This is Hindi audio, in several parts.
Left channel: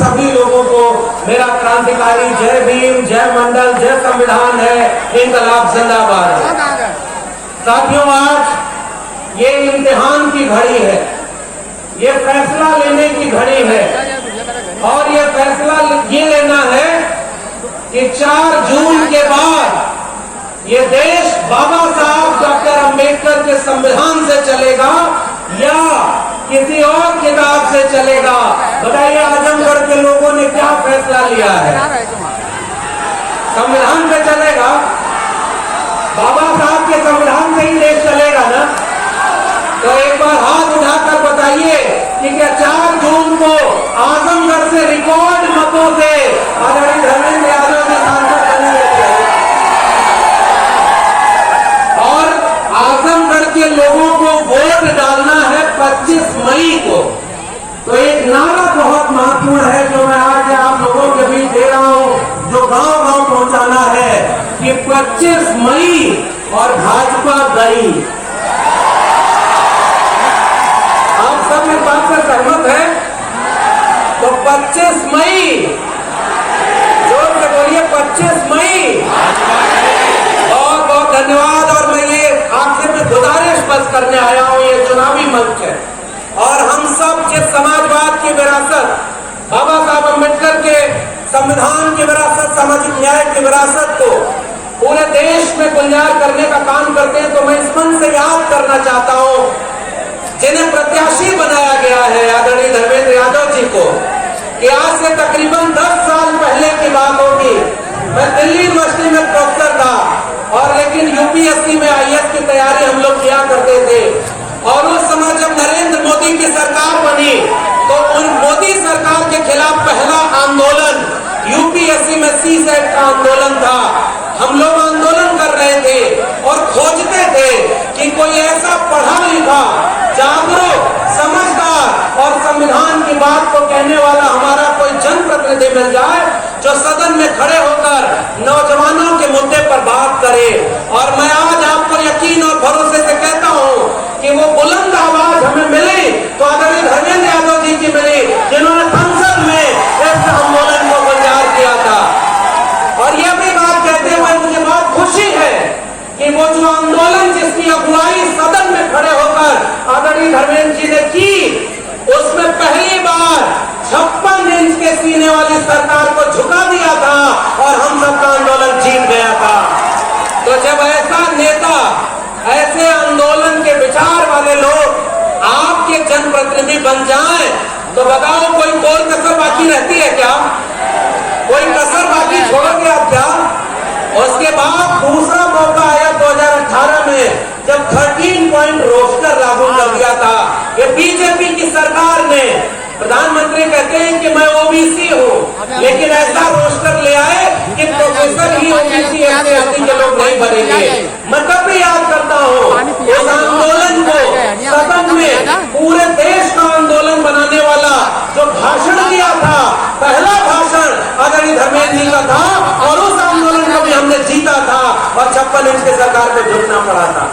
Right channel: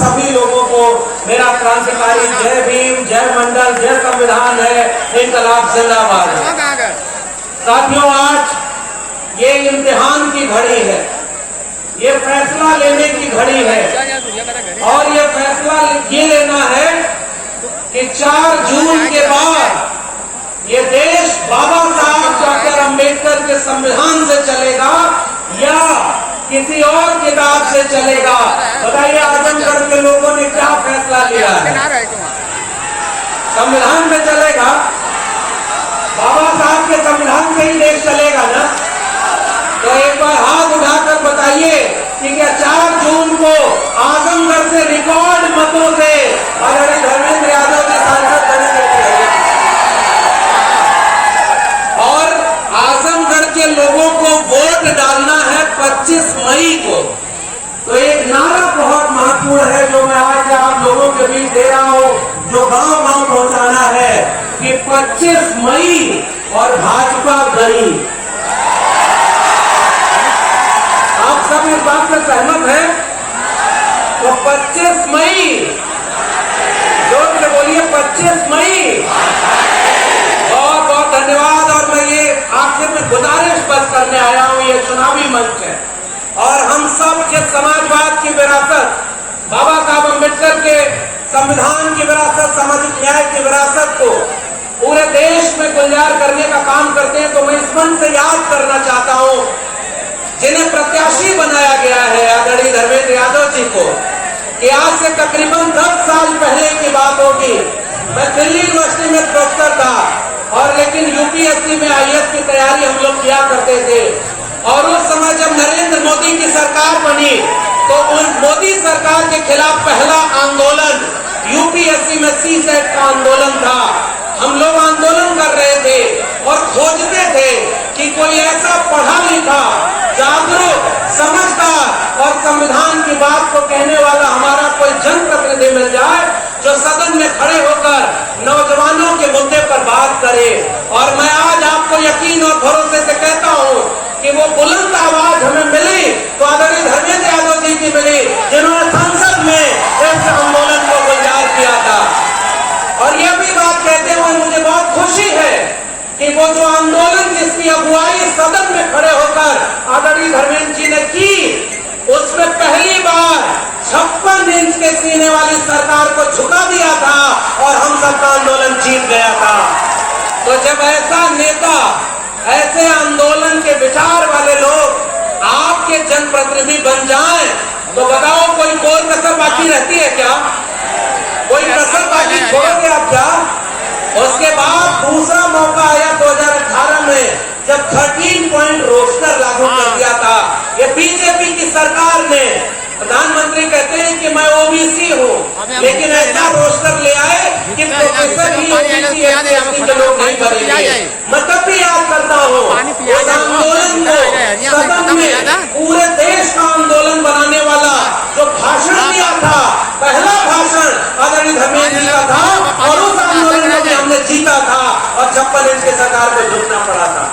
सभी लोगों को मेरा क्रांतिकारी जय भीम, जय मंडल, जय संविधान है, इनकलाब जिंदाबाद है। साथियों, आज ये इम्तिहान की घड़ी है, ये फैसला लेने की घड़ी है और ये फैसला ये लेना है कि 4 जून के बाद ये देश बाबा साहब डॉक्टर अंबेडकर के संविधान से चलेगा या किसी और किताब से चलेगा। बताइए, आजमगढ़ के लोगों ने क्या फैसला लिया है? संविधान पे चलेगा, बाबा साहब के संविधान से ही देश चलेगा ना? तो एक बार हाथ उठाकर बताइए कि क्या 4 जून को आजमगढ़ से रिकॉर्ड मतों से आदरणीय धर्मेंद्र यादव के सांसद बने और आजमगढ़ के लोगों को वोट डालना है 25 मई को। तो एक नारा बहुत महत्वपूर्ण है जो मैं आज आप लोगों के बीच दे रहा हूं, जो गांव-गांव पहुंचाना है कि 25 मई और भाजपा गई। आप सब इस बात से सहमत हैं? तो 25 मई, जोर से बोलिए 25 मई। बहुत बहुत धन्यवाद। और मैं ये आपसे मैं गुजारिश बस करने आया हूं, ये चुनावी मंच है और हम सब जिस समाजवाद की विरासत, बाबा साहब अम्बेडकर के संविधान की विरासत, सामाजिक न्याय की विरासत को पूरे देश में गुलजार करने का काम करते हैं, तो मैं इस मंच से याद करना चाहता हूं जिन्हें प्रत्याशी बनाया गया है आदरणीय धर्मेंद्र यादव जी को, कि आज से तकरीबन 10 साल पहले की बात होगी। मैं दिल्ली यूनिवर्सिटी में प्रोफेसर था और लेकिन यूपीएससी में आईएएस की तैयारी हम लोग किया करते थे और उस समय जब नरेंद्र मोदी की सरकार बनी तो उन मोदी सरकार के खिलाफ पहला आंदोलन यूपीएससी में सीसेट का आंदोलन था। हम लोग आंदोलन कर रहे थे और खोजते थे कि कोई ऐसा पढ़ा लिखा, जागरूक, समझदार और संविधान की बात को कहने वाला हमारा कोई जनप्रतिनिधि मिल जाए जो सदन में खड़े होकर नौजवानों के मुद्दे पर बात करे। और मैं आज आपको यकीन और भरोसे से कहता हूं कि वो बुलंद आवाज हमें मिली तो आदरणीय धर्मेंद्र यादव जी की मिली, जिन्होंने संसद में इस आंदोलन को गुलजार किया था। और यह भी बात कहते हुए मुझे बहुत खुशी है कि वो जो आंदोलन जिसकी अगुवाई सदन में खड़े होकर आदरणीय धर्मेंद्र जी ने की, उसमें पहली बार 56 इंच के सीने वाली सरकार को झुका दिया था और हम सबका आंदोलन जीत गया था। तो जब ऐसा नेता, ऐसे आंदोलन के विचार वाले लोग आपके जनप्रतिनिधि बन जाएं, तो बताओ कोई कोर कसर बाकी रहती है क्या? कोई कसर बाकी छोड़ोगे आप क्या? उसके बाद दूसरा मौका आया 2018 में जब 13 पॉइंट रोस्टर लागू कर दिया था। ये बीजेपी की सरकार ने, प्रधानमंत्री कहते हैं कि मैं ओबीसी हूँ, लेकिन ऐसा रोस्टर ले आए कि प्रोफेसर ही ओबीसी एससी के लोग नहीं भरेंगे। मैं तब भी याद करता हूँ उस आंदोलन को सदन में पूरे देश का आंदोलन बनाने वाला जो भाषण दिया था, पहला भाषण आदरणीय धर्मेंद्र जी का था और उस आंदोलन को भी हमने जीता था और 56 इंच की सरकार को झुकना पड़ा था।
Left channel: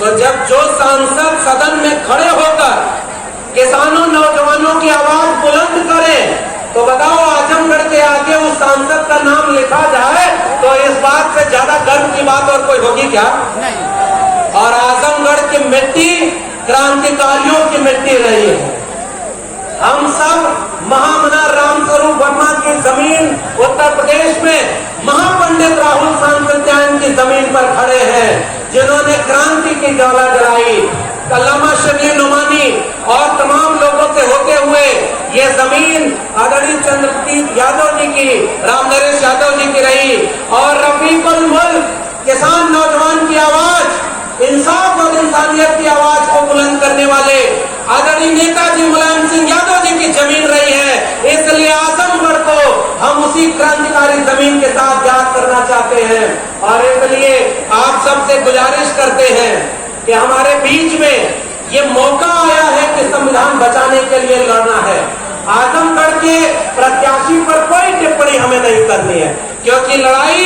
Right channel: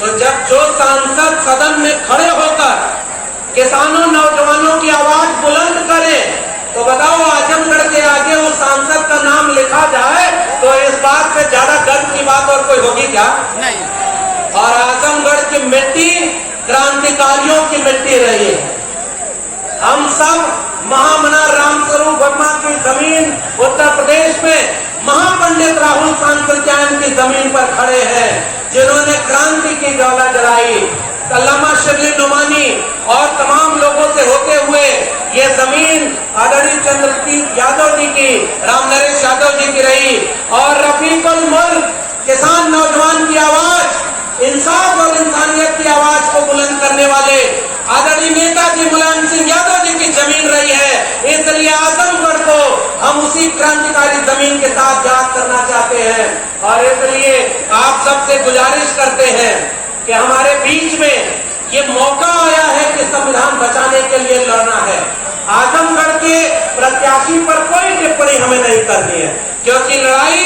तो जब जो सांसद सदन में खड़े होकर किसानों, नौजवानों की आवाज बुलंद करें, तो बताओ आजमगढ़ के आगे उस सांसद का नाम लिखा जाए तो इस बात से ज्यादा गर्व की बात और कोई होगी क्या? नहीं। और आजमगढ़ की मिट्टी क्रांतिकारियों की मिट्टी रही है। हम सब महामना रामस्वरूप वर्मा की जमीन उत्तर प्रदेश में महापंडित राहुल सांकृत्यायन की जमीन पर खड़े हैं, जिन्होंने क्रांति की ज्वाला जलाई। कल्लामा शिवली नोमानी और तमाम लोगों से होते हुए ये जमीन आदरणीय चंद्रजीत यादव जी की, रामनरेश यादव जी की रही और रफीकुल मुल्क किसान नौजवान की आवाज, इंसाफ और इंसानियत की आवाज को बुलंद करने वाले आदरणीय नेताजी मुलायम सिंह यादव जी की जमीन रही है। इसलिए आजमगढ़ को हम उसी क्रांतिकारी जमीन के साथ याद करना चाहते हैं और इसलिए आप सबसे गुजारिश करते हैं कि हमारे बीच में ये मौका आया है कि संविधान बचाने के लिए लड़ना है। आजमगढ़ के प्रत्याशी पर कोई टिप्पणी हमें नहीं करनी है, क्योंकि लड़ाई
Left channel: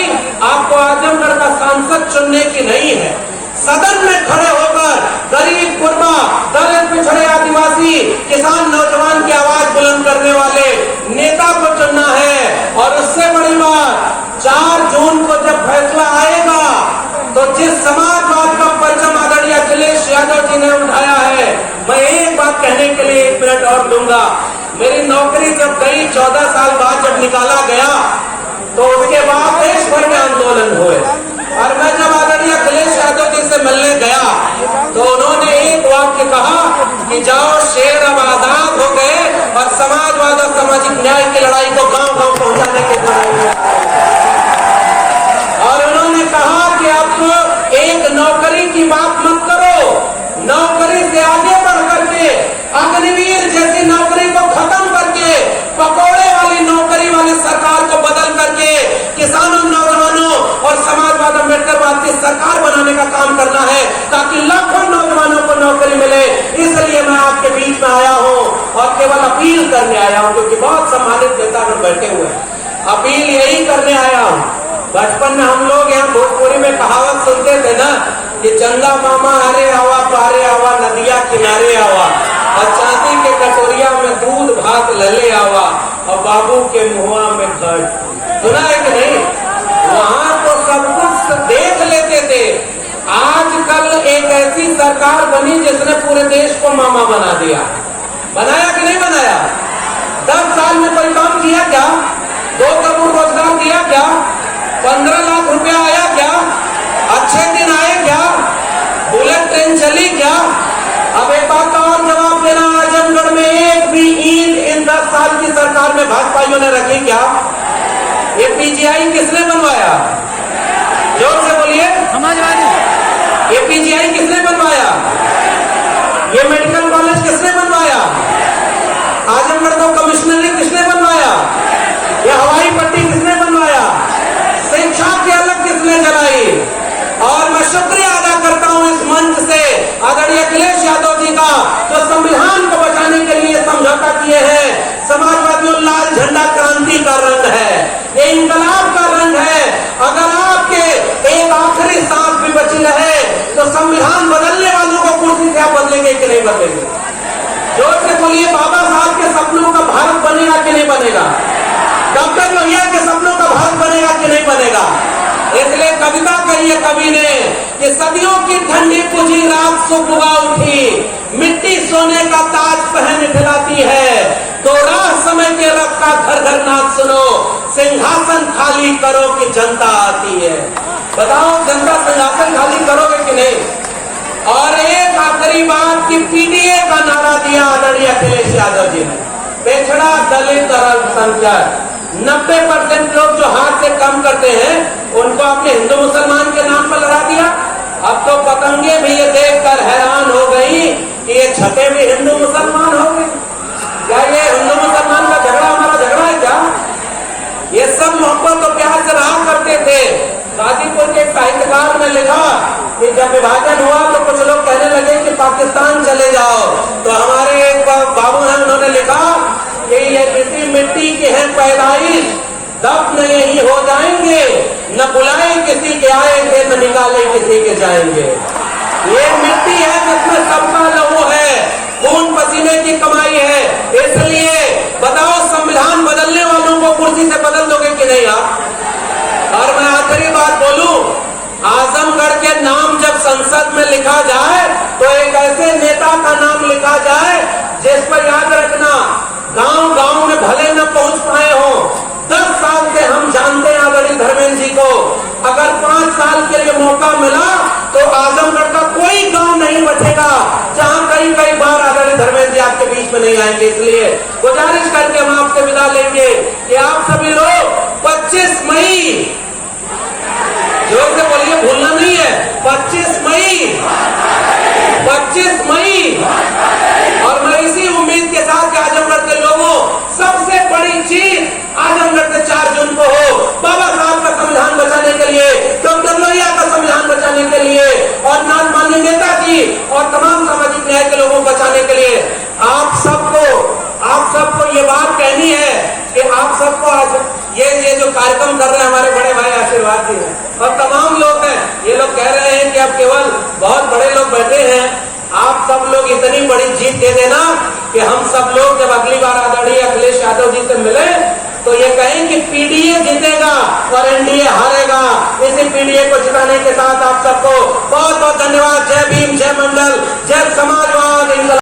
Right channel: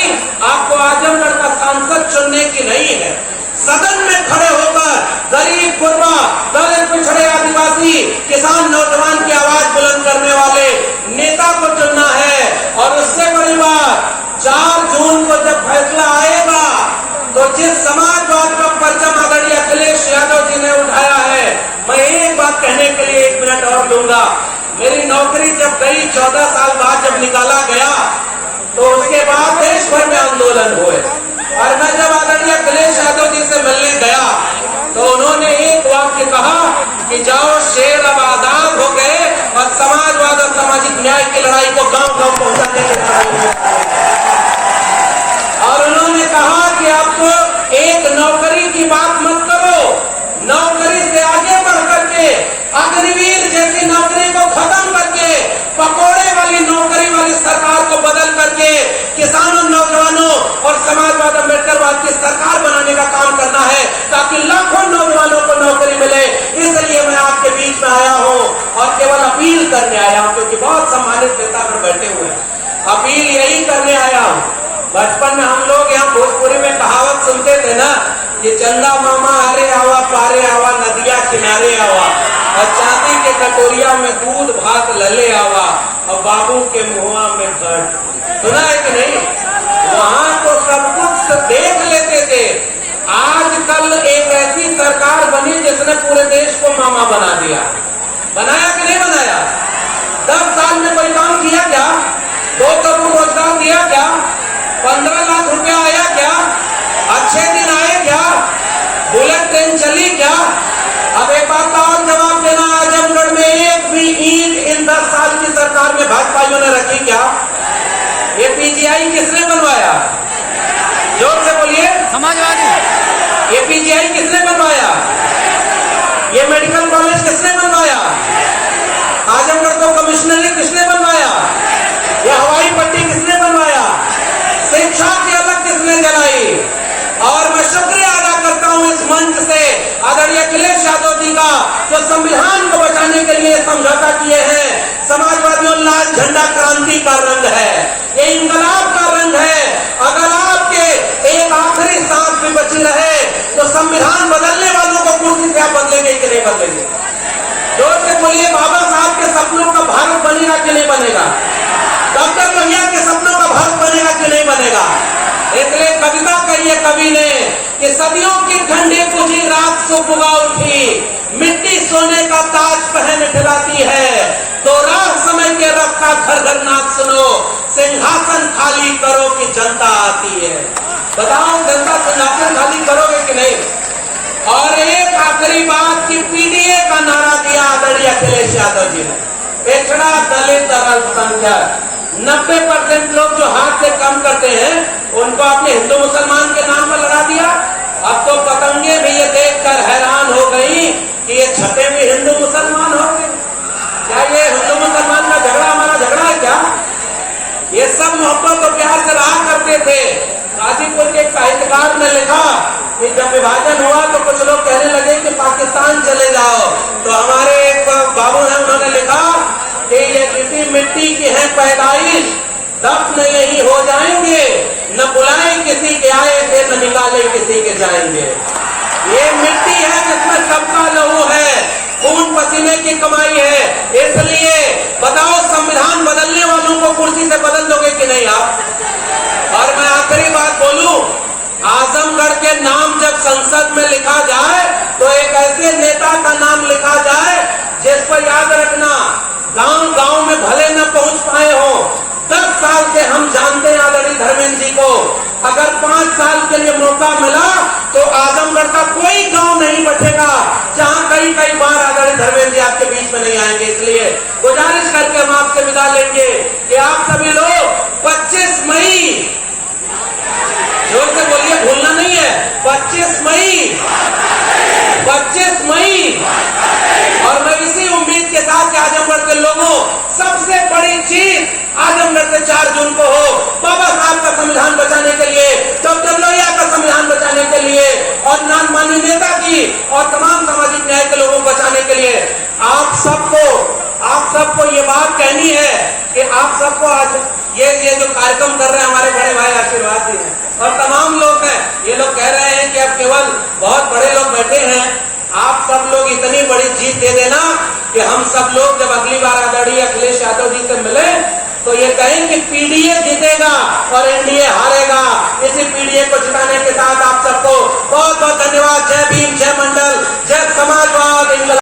आपको आजमगढ़ का सांसद चुनने की नहीं है। सदन में खड़े होकर गरीब, गुरबा, दलित, पिछड़े, आदिवासी, किसान, नौजवान की आवाज बुलंद करने वाले नेता नौकरी जब गई 14 साल बाद जब निकाला गया तो उसके बाद देश भर में आंदोलन हुए। और मैं जब आदरणीय अखिलेश यादव जी से मिलने गया तो उन्होंने एक वाक्य कहा कि जाओ शेर अब आजाद हो गए और समाजवाद और सामाजिक न्याय की लड़ाई को गांव-गांव पहुंचाने के लिए। और उन्होंने कहा कि अब एक नौकरी की बात मत करो, नौकरी से आगे बढ़ करके अग्निवीर जैसी नौकरी को खत्म करके पकौड़े वाली नौकरी वाली सरकार को बदल करके किसानों, नौजवानों और समाजवाद अम्बेडकरवाद की सरकार बनाने का काम करना है ताकि लाखों नौजवानों को नौकरी मिले। इसलिए मैं आपके बीच में आया हूँ और केवल अपील करने आया हूँ, क्योंकि बहुत सम्मानित नेता में बैठे हुए हैं। अपील यही करने आया हूँ। बचपन में हम लोग यहाँ भोजपुरी में कहावत सुनते थे ना कि चंदा मामा हरे आवा पारे आवा नदिया किनारे आवा और चांदी के कटोरिया में दूध भात लले आवा और बाबू के मुआ में घट। सुना है कि नहीं? वहाँ तो सब कुछ देख लेते थे। आजकल एक ऐसी सरकार बनी जिसने पूरे देश को मामा बना दिया। बनाया कि नहीं बनाया? 10 साल में कोई काम किया क्या? 2 करोड़ रोजगार दिया क्या? 15 लाख रुपया आया क्या? अच्छे दिन आए क्या? बुलेट ट्रेन चली क्या? अब एक बात का और जवाब देना, आजमगढ़ में एक भी ईंट इन 10 साल की सरकार में भाजपाइयों ने रखी क्या? ये पीजीआई किसने बनवाया? जोर से बोलिए। समाजवादी। ये पीजीआई किसने बनवाया? ये मेडिकल कॉलेज किसने बनवाया? आजमगढ़ को कमिश्नरेट किसने बनवाया? ये हवाई पट्टी किसने बनवाया? शिक्षा की अलग किसने जलाई? और मैं शुक्रिया अदा करता हूं इस मंच से आदरणीय अखिलेश यादव जी का, जो संविधान को बचाने के लिए समझौता किए हैं। समाजवादियों, लाल झंडा क्रांति का रंग है, ये इंकलाब का रंग है। अगर आपके एक आखिरी सांस भी बची रहे तो संविधान बदलने वालों को कुर्सी से आप बदलेंगे कि नहीं बदलेंगे? जोर से बोलिए, बाबा साहब के सपनों का भारत बनेगा कि नहीं बनेगा? डॉक्टर लोहिया के सपनों का भारत बनेगा कि नहीं बनेगा? इसलिए कविता कही है कवि ने कि सदियों की ठंडी पूजी रात सुबह उठी, मिट्टी सोने का ताज पहन खिलाती है, तो राह समय के रख का घर घर नाच सुनो, सिंहासन खाली करो कि जनता आती है। बताओ, जनता सिंहासन खाली करोगे कि नहीं? और एक आखिरी बात की पीडीए का नारा दिया आदरणीय अखिलेश यादव जी ने, पिछड़ा दलित अल्पसंख्यक 90% लोग जो हाथ से कम करते हैं उनको आपने हिंदू मुसलमान के नाम पर लड़ा दिया। अब तो पतंगे भी ये देखकर हैरान हो गई कि ये छते भी हिंदू मुसलमान हो गई। क्या ये हिंदू मुसलमान का झगड़ा हमारा झगड़ा है क्या? ये सब मोहब्बत और प्यार से रहा करते थे। गाजीपुर के एक साहित्यकार ने लिखा कि जब विभाजन हुआ तो कुछ लोग कहने लगे कि पाकिस्तान चले जाओ, तो हमारे एक बाबू हैं, उन्होंने लिखा कि ये किसी मिट्टी की है पैदाइश, दफन यही हो जाएंगे, न बुलाए किसी के आएंगे, न निकाले किसी के जाएंगे। ये मिट्टी है जिसमें सबका लहू है, खून पसीने की कमाई है। इसलिए बताओ, संविधान बदलने वालों को कुर्सी से बदल दोगे कि नहीं आप? और मैं आखिरी बात बोलूं, आजमगढ़ के नाम जब संसद में लिखा जाए तो एक ऐसे नेता का नाम लिखा जाए जिस पर याद रखना, गांव गांव में भले न पहुंच पाए हो, 10 साल से हम जानते हैं आदरणीय धर्मेंद्र जी को। अगर 5 साल के लिए मौका मिला तो आजमगढ़ का कोई गांव नहीं बचेगा जहां कई बार आदरणीय धर्मेंद्र जी आपके बीच में नहीं आएंगे। इसलिए गुजारिश करके हम आपसे विदा लेंगे कि आप सभी लोग 25 मई, जोर से बोलिए, भूलना नहीं है, 25 मई, 25 मई। और मैं इसी उम्मीद के साथ कि आजमगढ़ के लोगों, सबसे बड़ी चीज आजमगढ़ से 4 जून को हो, बाबा साहब का संविधान बचाने के लिए, डॉक्टर लोहिया का संविधान बचाने के लिए और माननीय नेताजी और तमाम सामाजिक न्याय के लोगों को बचाने के लिए आप सबको ये बात कहनी है कि आप सबको आज ये जो कार्यक्रम कर रहे हैं हमारे बड़े भाई आशीर्वाद जी हैं और तमाम लोग हैं, ये लोग कह रहे हैं कि अब केवल बहुत बड़े लोग बैठे हैं। आप सब लोग इतनी बड़ी जीत दे देना कि हम सब लोग जब अगली बार आदरणीय अखिलेश यादव जी से मिले तो ये कहें कि पीडीए जीतेगा और एनडीए हारेगा। इसी पीडीए को जिताने के साथ आप सबको बहुत बहुत धन्यवाद।